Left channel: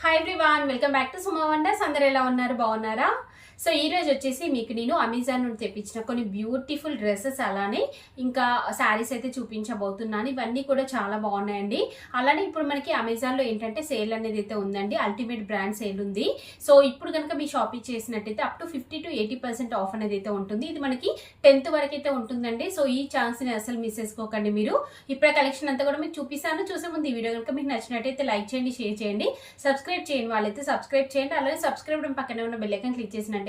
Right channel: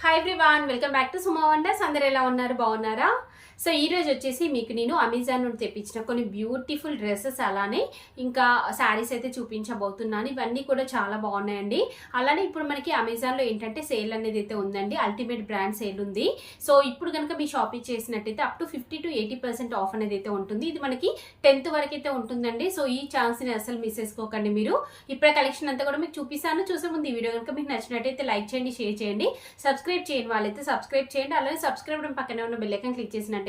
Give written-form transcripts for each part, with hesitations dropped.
Hi everyone, welcome back to Suma wonders. అందరు ఎలా ఉన్నారు? బాగున్నారా? సో ఈ రోజు వచ్చేసి మీకు నేను అమెజాన్ నుండి తెప్పించిన కొన్ని బ్యూటిఫుల్ డ్రెస్సెస్ అలానే ఇంకా శారీస్ అయితే చూపించబోతున్నాను. ఇవన్నీ కూడా చాలా బాగున్నాయండి. అలానే ఇప్పుడు మనకి అమెజాన్లో ఏంటంటే సేల్ అనేది అయితే ఉందండి. అల్టిమేట్ బ్రాండ్ సేల్ ఉంది. సో ఇప్పుడు కనుక మీ షాపింగ్ చేసినట్టయితే అప్ టు 50 to 80% ఆఫ్ అనేది అయితే ఉంటుంది. ఇది మనకి 10th వరకు అయితే ఉంటుందండి. సో ఈ ఛాన్స్ని అసలు మిస్ చేసుకోకండి. మీరు ఇప్పుడే కలెక్షన్ అంతా కూడా మీకు చూపిస్తాను. చూసే ముందు ఈ వీడియో కనుక మీకు నచ్చినట్టయితే లైక్ చేయండి, షేర్ చేయండి, సబ్స్క్రైబ్ చేయండి. వాళ్ళైతే సబ్స్క్రైబ్ చేయండి. అలాగే సబ్స్క్రైబ్ పక్కనే ఉన్న బెల్ ఐకాన్ క్లిక్ చేసినట్టయితే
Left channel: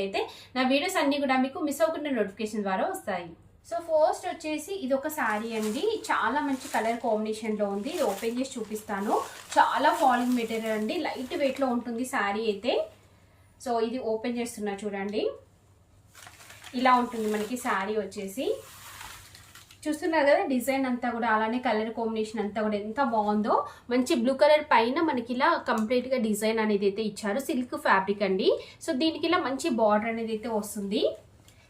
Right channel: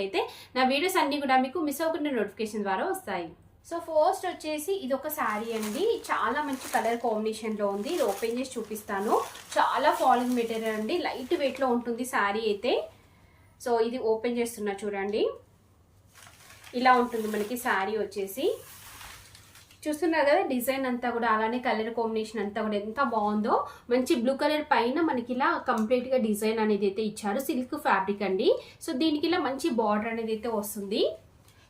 నా వీడియోస్ అన్ని కూడా మీకు మిస్ అవ్వకుండా నోటిఫికేషన్ ద్వారా వస్తాయి. సో ఫస్ట్ వచ్చేసి ఇది ఒక శారీ అండి. చాలా మంచి కలర్ కాంబినేషన్లో ఉంది. ఇది ఓపెన్ చేసి చూపిస్తాను. చాలా ఫాలింగ్ మెటీరియల్ అండి. లైట్ వెయిట్లో ఉంటుంది శారీ అయితే. సో ఇది ఓపెన్ చేస్తున్నా చూడండి. ఇలా ఉంటుంది మనకి శారీ వచ్చేసి. చూస్తున్నారు కదా డిజైన్ అంతా కూడా, అలానే కలర్ కాంబినేషన్ అంతా కూడా ఎంత బాగుందో. మంచి బ్లూ కలర్ పైన మనకి ఇలా కంప్లీట్గా డిజైన్ అనేది అయితే ఇచ్చారు. సిల్క్ ఫ్యాబ్రిక్ అండి. సో దీనికి ఇలా మంచి బార్డర్ అనేది అయితే వస్తుంది.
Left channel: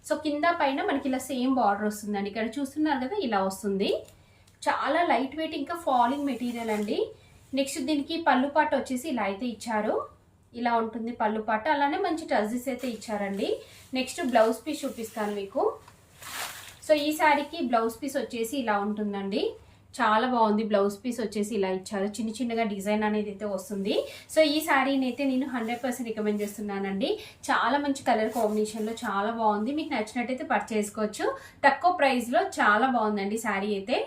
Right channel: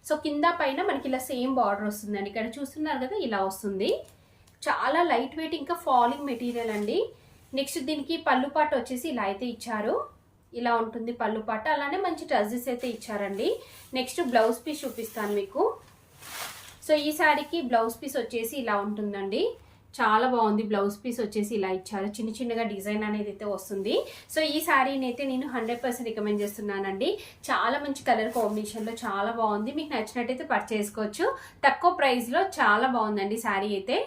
సో కింద పైన మనకి ఇలా సేమ్ బార్డర్ వస్తుందండి. ఇక్కడ చూస్తున్నారు కదా ఇలా వస్తుంది. చాలా లైట్ వెయిట్ ఇంకా ఫాలింగ్ మెటీరియల్ అండి. నెక్స్ట్ దీనికి పళ్ళు పాట వచ్చేసి ఇలా అయితే ఇచ్చారు. ఇలా ఉంటుంది పళ్ళు పాట. అలానే మంచి టజెస్ అయితే ఇచ్చారండి. నెక్స్ట్ బ్లౌజ్ పీస్ చూపిస్తాను మీకు. సో ఈ శారీకి బ్లౌజ్ పీస్ వచ్చేసి ఇలా ఉంటుందండి. చాలా బాగుంది. బ్లౌజ్ పీస్ వచ్చేసి ఇలా ఇచ్చారు. చిన్న చిన్నగా డిజైన్ అనేది అయితే వస్తుంది. సో ఈ శారీని అయితే నేను 100% రికమెండ్ చేస్తున్నానండి. చాలా మంచి కలర్ కాంబినేషన్లో చాలా బాగుంది. మీకు నచ్చినట్టయితే పర్చేస్ చేసుకోవచ్చు. తక్కువ ప్రైస్లో చాలా బాగుందండి శారీ అయితే.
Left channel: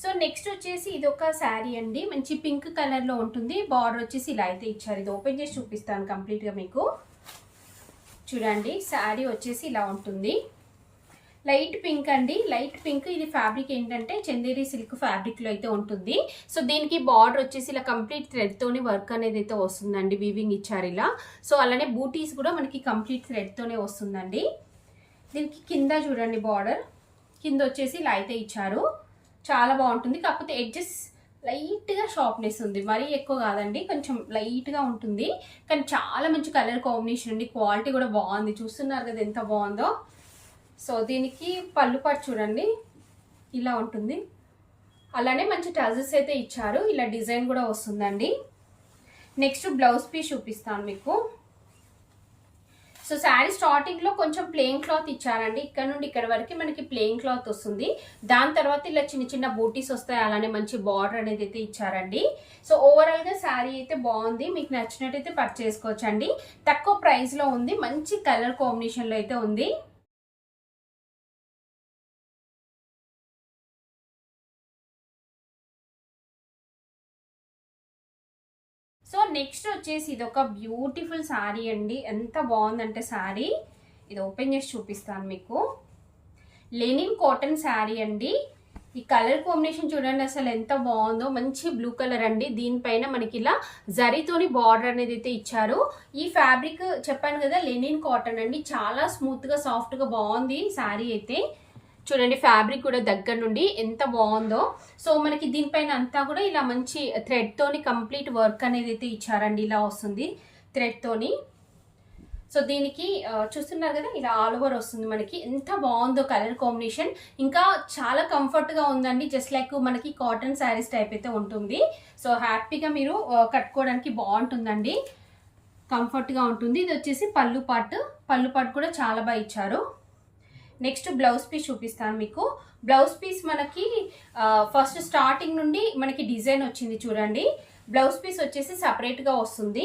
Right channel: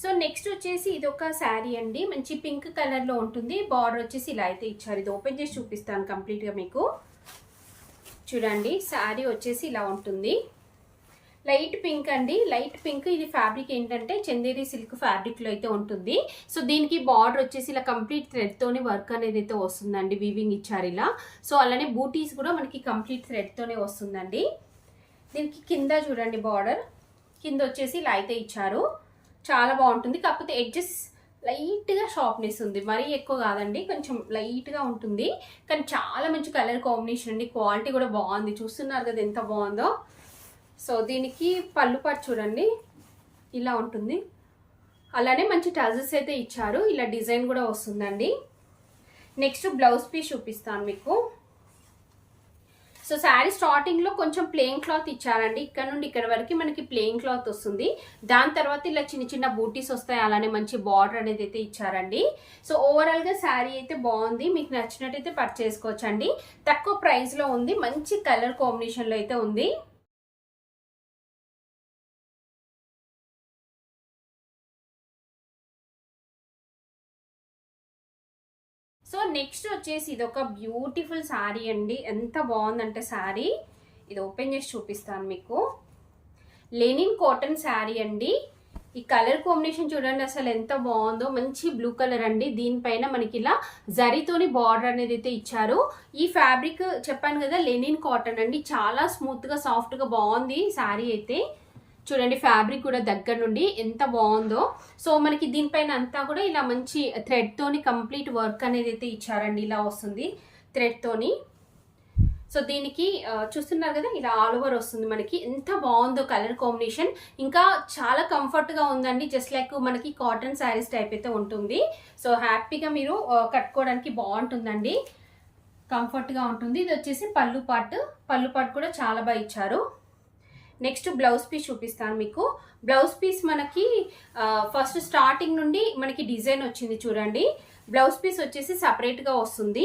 సో నెక్స్ట్ వచ్చేసి ఇది ఒక శారీ అండి. మంచి పింక్ కలర్లో ఉంటుంది. బార్డర్ వచ్చేసి ఇలా అయితే ఇచ్చారు. ఇది ఓపెన్ చేసి చూపిస్తాను కంప్లీట్గా మీకు. చూడండి శారీ వచ్చేసి ఇలా ఉంటుంది. లైట్ పింక్ అండి. Light pink. ఇది ఫ్యాబ్రిక్ ఏంటంటే చందేరి సిల్క్ ఫ్యాబ్రిక్లో అయితే ఉంటుంది. సో దీనికి బార్డర్ వచ్చేసి ఇలా కంప్లీట్ థ్రెడ్తోనే వర్క్ అనేది అయితే వస్తుందండి. వీవింగ్ ఇచ్చారు ఇలా. సో అలానే బూటీస్ కూడా మనకి కంప్లీట్ థ్రెడ్తోనే వస్తుందండి. దీనికి కింద చూడండి బార్డర్ కింద వచ్చేసి ఇలా అయితే ఇచ్చారు. చాలా బాగుంటుంది. కాకపోతే ఎడ్జెస్ లైట్గా షార్ప్నెస్ ఉంది. మరీ ఎక్కువ కాదండి, కొంచెం లైట్గా ఉంటుంది. కానీ చాలా మంచి కలర్ కాంబినేషన్ అండి. క్వాలిటీ కూడా బాగుంది. చూస్తున్నారు కదా ఎంత బాగుందో. సో దీనికి పళ్ళు పాటు చూడండి ఇలా ఉంటుంది. అలానే మంచి టజెస్ అయితే ఇచ్చారు. ఇలా డిజైన్ కూడా వస్తుందండి. నెక్స్ట్ బ్లౌజ్ పీస్ చూపిస్తాను మీకు. సో శారీ స్టార్టింగ్లో కొంచెం ప్లెయిన్ క్లాత్ ఇచ్చారండి. ఇక్కడ నుండి ఇక్కడ వరకు మనకి ప్లెయిన్ క్లాత్ వస్తుంది. దాని తర్వాత ఇలా చిన్న చిన్న బూటీస్ వస్తాయి. అలానే మంచి బార్డర్ అనేది అయితే ఇచ్చారండి. సో ఓవరాల్గా శారీ అయితే బాగుంది. మీకు నచ్చినట్టయితే పర్చేస్ చేసుకోవచ్చండి. తక్కువ ప్రైస్లో ఉంది. మంచి కలర్ కాంబినేషన్లో అయితే ఉంది. సో నెక్స్ట్ వచ్చేసి ఇది ఒక బ్యూటిఫుల్ శారీ అండి. ఎంత బాగుందంటే శారీ. ఇది ఓపెన్ చేసి చూపిస్తాను మీకు. లెనిన్ కాటన్ శారీ అండి. ఈ కలర్ కాంబినేషన్ చూడండి అసలు ఎంత బాగుందో. మంచి బ్లూ కలర్ అండి. దీనిపైన మనకి ఇలా జరీతోని బార్డర్ అనేది అయితే ఇచ్చారు. ఈ ఫ్యాబ్రిక్ చెప్పాను కదా లెనిన్ కాటన్ అండి. చాలా స్మూత్గా సాఫ్ట్గా బాగుంది శారీ అయితే. చూడండి ఫ్యాబ్రిక్ కూడా దగ్గర నుండి ఎంత బాగుందో. సో మనకి దీనిపైన అంతా కూడా ఇలా మంచి థ్రెడ్తోని కంప్లీట్ వర్క్ అనేది అయితే ఇచ్చారండి. ఇలా వస్తుంది థ్రెడ్తోని. సో దీనికి చూస్తున్నారు కదా ఇలా ఆల్ ఓవర్ వస్తుంది మనకి. ఎంత బాగుందో కలర్ కాంబినేషన్. ఇంకా చాలా కంఫర్ట్గా ఉందండి. జస్ట్ లైక్ మనకి కాటన్ శారీస్ టైప్ అయితే ఉంటుంది. సో హ్యాపీగా మీరు కట్టుకోవడానికి బాగుంటుందండి. కంఫర్ట్గా ఉంటుంది. ఇది వచ్చేసి పళ్ళు పాటు కూడా చాలా బాగా ఇచ్చారు. నెక్స్ట్ బ్లౌజ్ పీస్ చూపిస్తాను మీకు. బ్లౌజ్ పీస్ మనకి ఫస్ట్ స్టార్టింగ్ నుండి మనకి డిజైన్ వచ్చింది చూడండి. బ్లౌజ్ పీస్ వచ్చేసి సపరేట్గా వస్తుంది.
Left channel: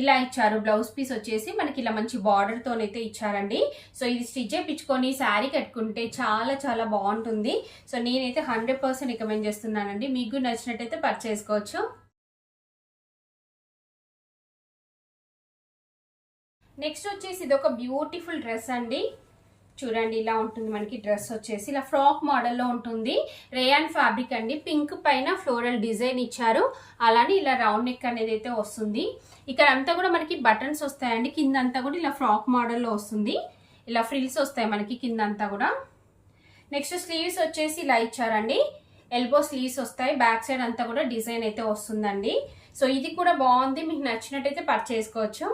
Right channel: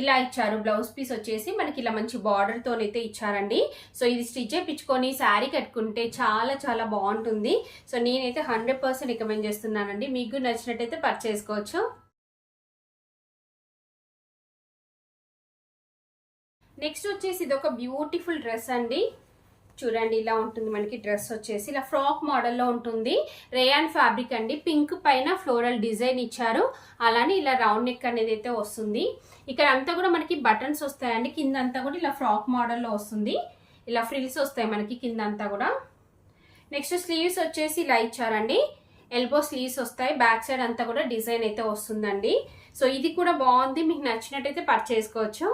ఇలా ఇచ్చారు. బ్లౌజ్ పీస్ వచ్చేసి మనకి ఇలా మంచి బార్డర్తోనైతే ఇచ్చారండి. సో ఇది స్టిచ్ చేయించుకొని శారీ కట్టుకుంటే చాలా చాలా బాగుంటుంది. సో నేనైతే 100% రికమెండ్ చేస్తున్నానండి. మీకు నచ్చినట్టయితే పర్చేస్ చేసుకోవచ్చు. నెక్స్ట్ వచ్చేసి ఇది ఒక బ్యూటిఫుల్ డ్రెస్ అండి. చూడండి ఇలా ఉంటుంది మనకి డ్రెస్ వచ్చేసి. ఇలా ఫ్రాక్ మోడల్లో ఉంటుంది. రేయాన్ ఫ్యాబ్రిక్ అండి. పింక్ పైన ఫ్లోరల్ డిజైన్ ఇచ్చారు. అలానే ఇలా రౌండ్ నెక్ అనేది అయితే వస్తుంది. ఇక్కడ అంతా కూడా మనకి బటన్స్ వస్తాయండి. కింద అంతా కూడా ఇలా ఫ్రాక్ మోడల్లో వస్తుంది. ఇలా ఫ్రిల్స్ వస్తాయి మనకి కింద అంతా కూడా. నెక్స్ట్ స్లీవ్స్ వచ్చేసి ఇలా ఇచ్చారండి. ఎల్బో స్లీవ్స్ వస్తాయి. బ్యాక్ సైడ్ అంతా కూడా డిజైన్ అయితే వస్తుందండి. సో ఇది కూడా బాగుంది. మీకు నచ్చినట్టయితే పర్చేస్ చేసుకోవచ్చు.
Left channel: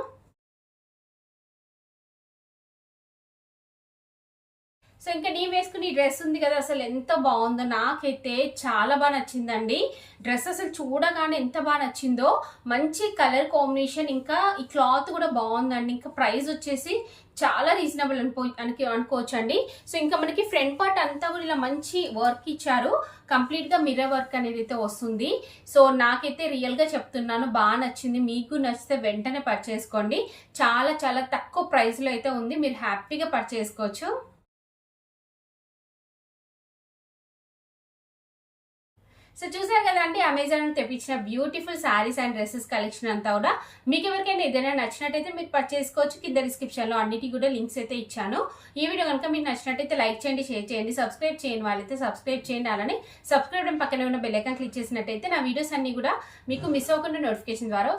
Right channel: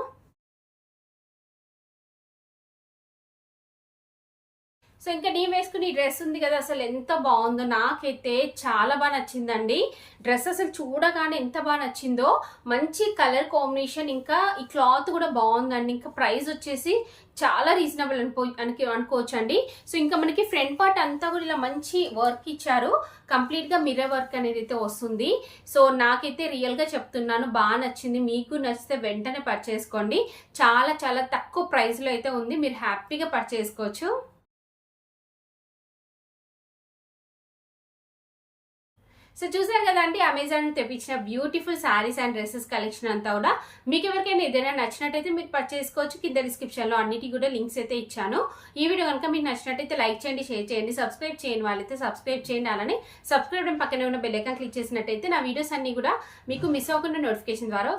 సో ఇంకా నేను వేసుకుని డ్రెస్ ఉంది కదా, అసలు ఎంత బాగుందో, నాకైతే చాలా బాగా నచ్చిందండి. డ్రెస్ అసలు చూడగానే ఎంత బాగా నచ్చిందో, మంచి కలర్ కాంబినేషన్, ఇంకా ఈ క్లాత్ కూడా బాగుందండి. ఇంకా ప్రైస్ వచ్చేసి చాలా రీజనబుల్ అనుకోవచ్చు అండి. సో ఇంకా మనకి ఫ్రంట్ పార్ట్ అంతా కూడా ఇలా మంచి వర్క్ ఇచ్చారు, కంప్లీట్ గా మిర్రర్ వర్క్ అనేది అయితే వస్తుంది. సో నాకైతే రియల్ గా చెప్తున్నాను, బాగా నచ్చింది. మీకు నచ్చితే వెంటనే పర్చేస్ చేసుకోండి. చాలా చాలా తక్కువ ప్రైస్ లో అయితే ఉంది, మీరు హ్యాపీగా పర్చేస్ చేసుకోవచ్చు. సో చూసారు కదా అండి, అమెజాన్ తెప్పించిన beautiful saris and dresses collection అంతా కూడా. మీకు ఎవరికైనా ఏదైనా నచ్చినట్టయితే మీరు పర్చేస్ చేసుకోవచ్చు. కింద డిస్క్రిప్షన్ లో అన్నిటి కూడా లింక్స్ అయితే ఇచ్చాను. ఈ వీడియో కనుక మీకు నచ్చినట్టయితే లైక్ చేయండి, షేర్ చేయండి, సబ్స్క్రైబ్ చేయని వాళ్ళైతే సబ్స్క్రైబ్ చేయండి. అలానే సబ్స్క్రైబ్ పక్కనే ఉన్న బెల్ ఐకాన్ క్లిక్ చేసినట్టయితే నా వీడియోస్ అన్ని కూడా మీకు మిస్ అవ్వకుండా నోటిఫికేషన్ ద్వారా